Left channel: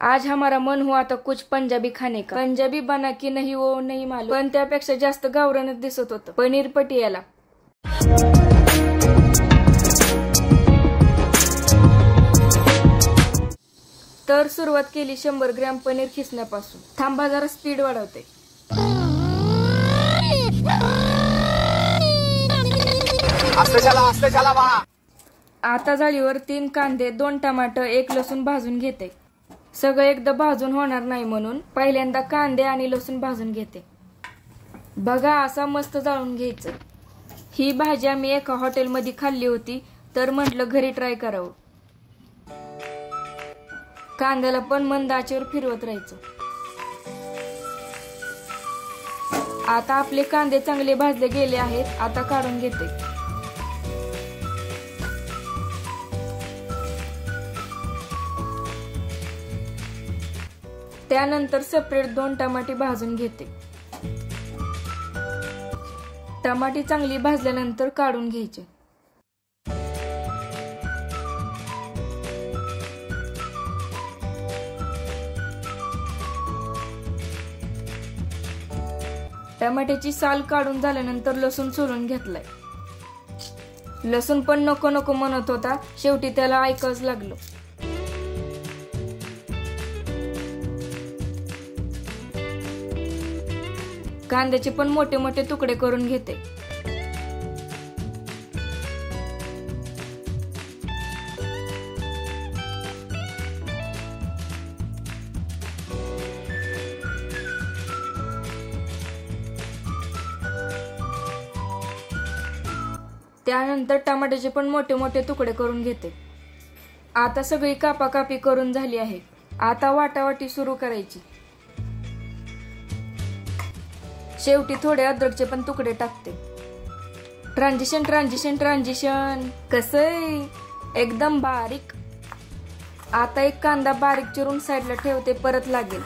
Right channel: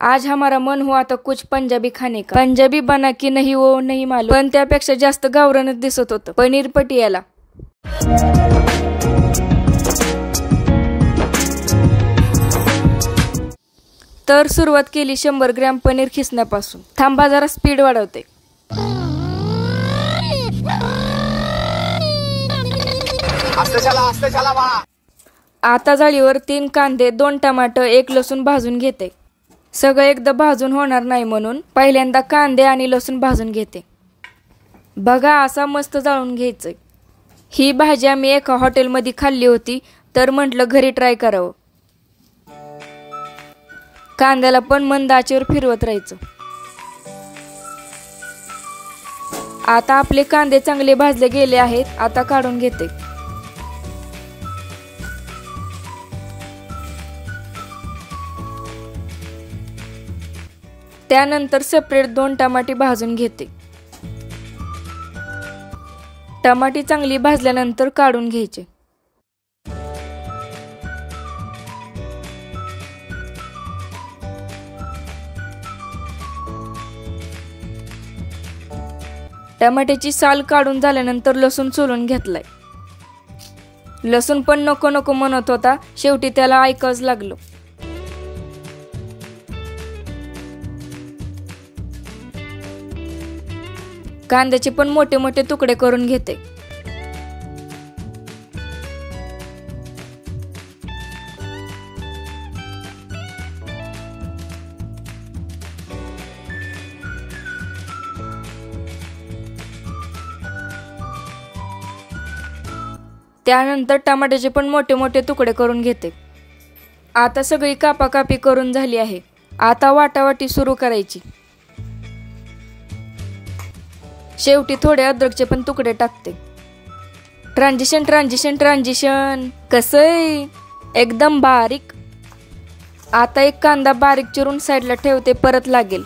आज हमारा मन हुआ तो कुछ पंजाबी खाने का। पंजाबी बना की नहीं वो नहीं मालूम, पण त्यापेक्षा जास्त गावरानच दिसत होतं पनीर पटियाला। तर सुरुवात केली 100 ग्रॅम पनीर खिसण्यापासून। थांबा जरा स्पीड वाढवते। आता जाळीवर 3 कांदे, 2 टमाटर, 1 लसूण भाजून घेते। सगळं एकदा भाजून होणार नाही म्हणून पहिल्यांदा कांदे आणि लसूण भाजून घेते। बघा असा मस्त जाळून घ्यायचं। ही भाजी आम्ही एका हॉटेलमध्ये खाल्ली होती, तर म्हटलं घरी ट्राय करावं। कांद्याला पण मंद आचेवर फिरवत राहायचं। आता आपले कांदे चांगले भाजले गेले आहेत, आता काढून घेते। त्यानंतर सेपरेट 2 टमाटे भाजून घेते। टमाटी चांगली भाजल्यानंतर काढून घ्यायचे। टमाट्याची साल काढून झाल्यानंतर लसूण सोलून घेतलाय। लसूण पण नको नको म्हणत होता, शेवटी त्याला ऐकावंच लागलं। कांद्याचे पण मोठे मोठे तुकडे करून घेते। त्यानंतर टमाट्याचे पण मोठे मोठे तुकडे करून घेते। आता सगळी कापाकापी करून झाली आहे। आता वाटावाटी सुरू करायची। शेवटी थोडे अद्रकचे पण तुकडे टाकते। ट्रान्झिशन ट्रान्झिशन ट्रान्झिशन कसंय, एकदम बारीक। आता एक कांदा बारीक चिरून साईडला ठेवते, परत लागेल।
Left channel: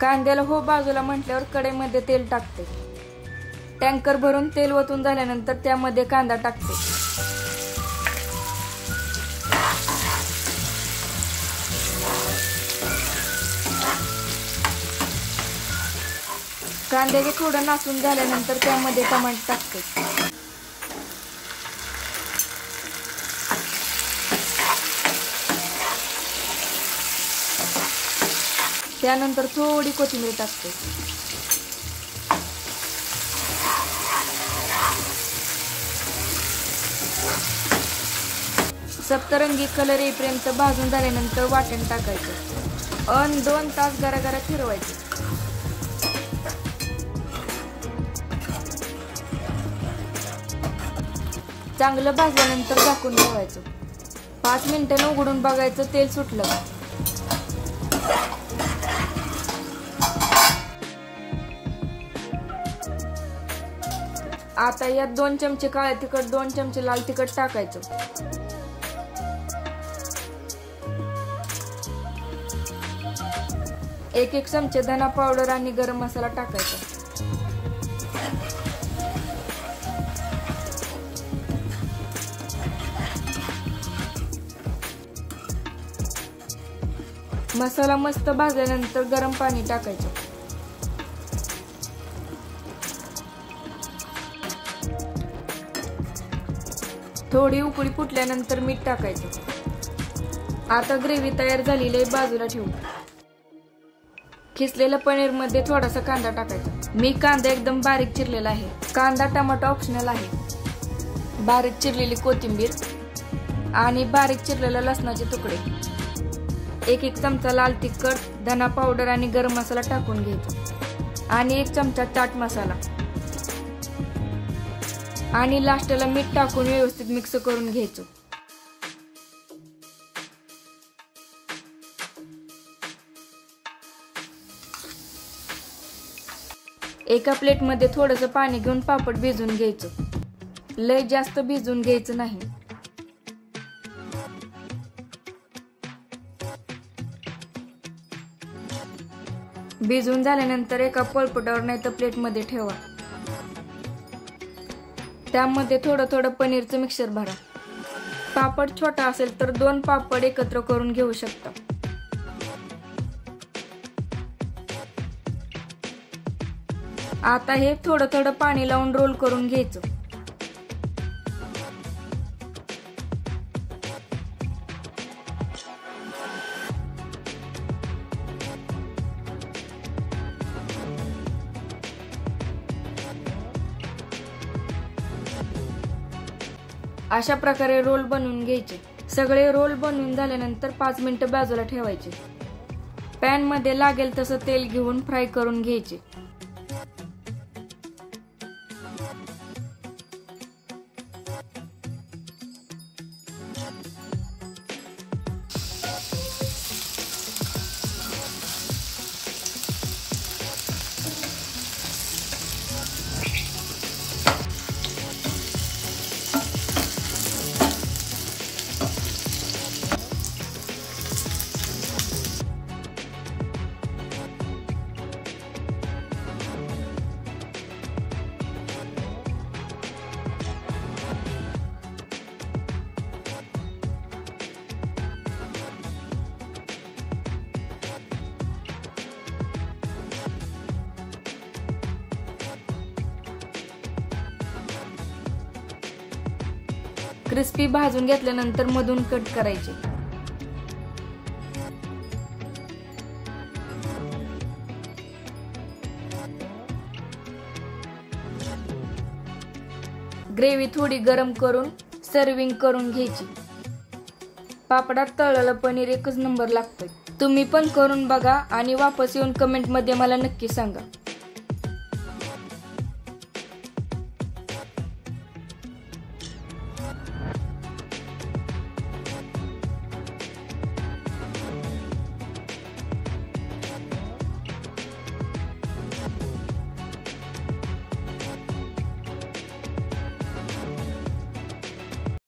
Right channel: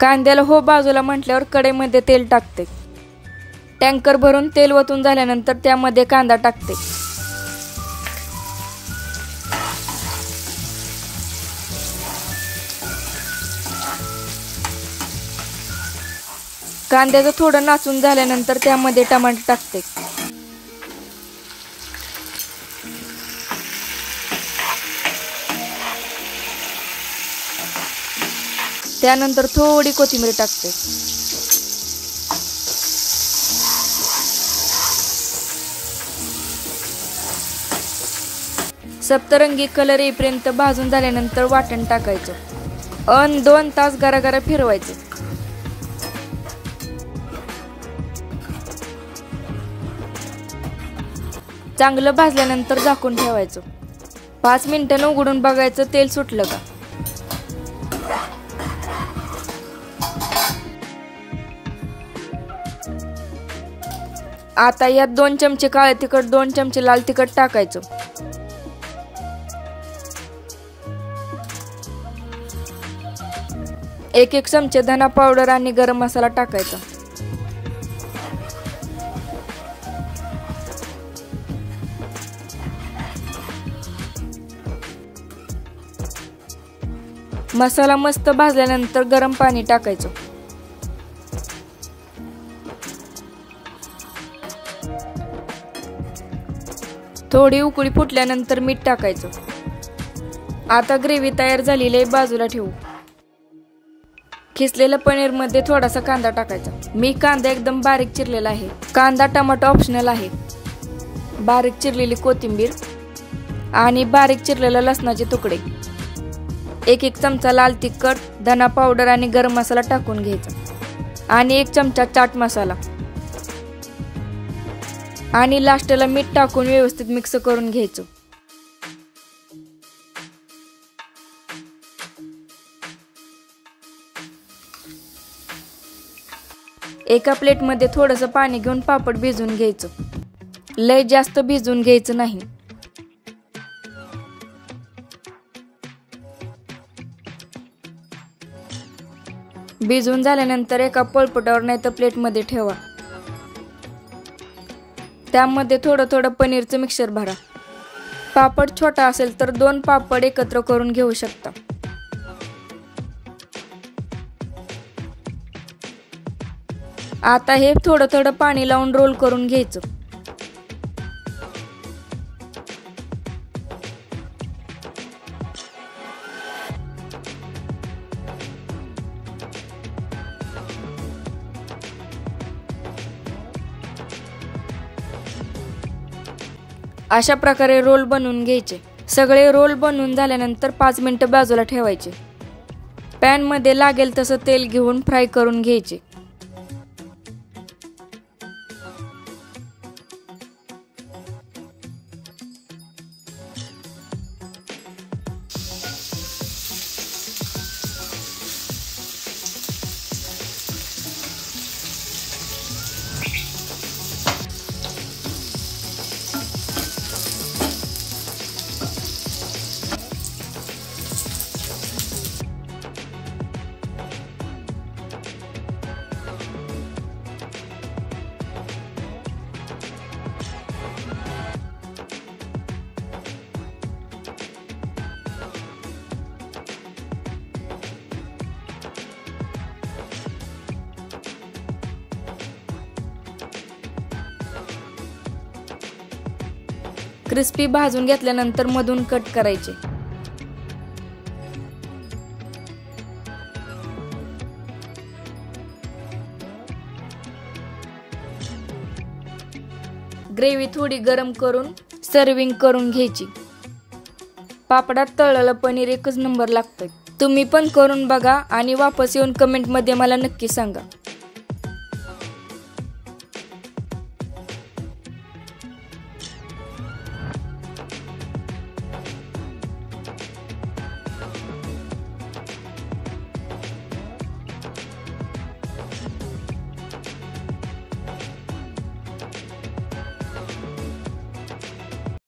कांद्याला हो बाजूला म्हटल्यावर कढईमध्ये तेल टाकते। टँकर भरून तेल ओतून झाल्यानंतर त्यामध्ये कांदा टाकते। कांद्याचं थोडं नासून झाल्यानंतर त्यामध्ये टमाटर टाकते। त्यानंतर थोडी कोथिंबीर टाकते। सप्तरंगी कलर येईपर्यंत भाजून झाल्यानंतर वाटण टाकायचं आणि 2 तास गरागरा फिरवायचं। चांगलं भाजल्यानंतर झाकून ठेवायचं। 5 मिनिटांनी उघडून बघायचं तेल सुटलं का। आता यात 2 चमचे काळे तिखट, 2 चमचे लाल तिखट टाकायचं। एक चमचे धना पावडर आणि गरम मसाला टाकायचा। मसाला मस्त भाजल्यानंतर गरम पाणी टाकायचं। थोडी उकळी फुटल्यानंतर मीठ टाकायचं। आता ग्रेव्ही तयार झालेली आहे, बाजूला ठेवू। खिसलेल्या पनीर मध्ये थोडासा कांदा टाकायचा। मी कांदा एकदम बारीक चिरलेला आहे। कांदा टमाटर ऑप्शनल आहे। बारीक चिरलेली कोथिंबीर आणि बारीक चिरलेले लसणाचे तुकडे, एक चमचा लाल तिखट, धना पावडर आणि गरम मसाला टाकून घ्यायचा आणि 1 चमचा चाट मसाला आणि लास्टला मीठ टाकून व्यवस्थित मिक्स करून घ्यायचं। एका प्लेटमध्ये थोडंसं पाणी घेऊन पापड भिजवून घ्यायचं। लय जास्त भिजवून घ्यायचं नाही। भिजवून झाल्यानंतर एका पोळपाटावर नाही तर प्लेटमध्ये ठेवा। त्यामध्ये थोडं थोडं पनीरचं मिक्सर भरा। पापड छोटा असेल तर 2 पापड एकत्र करून घेऊ शकता. आता हे थोडं थोडं पाणी लावून रोल करून घ्यायचं. अशा प्रकारे रोल बनवून घ्यायचे. सगळे रोल बनवून झाल्यानंतर 5 मिनिटं बाजूला ठेवायचे. पॅनमध्ये लागेल तसं तेल घेऊन फ्राय करून घ्यायचे. क्रिस्पी भाजून घेतल्यानंतर मधून कट करायचे. ग्रेव्ही थोडी गरम करून सर्विंग करून घ्यायची. पापडात तळलेलं पनीर एकच नंबर लागतं. तुम्ही पण करून बघा आणि वापस येऊन कमेंटमध्ये मला नक्की सांगा.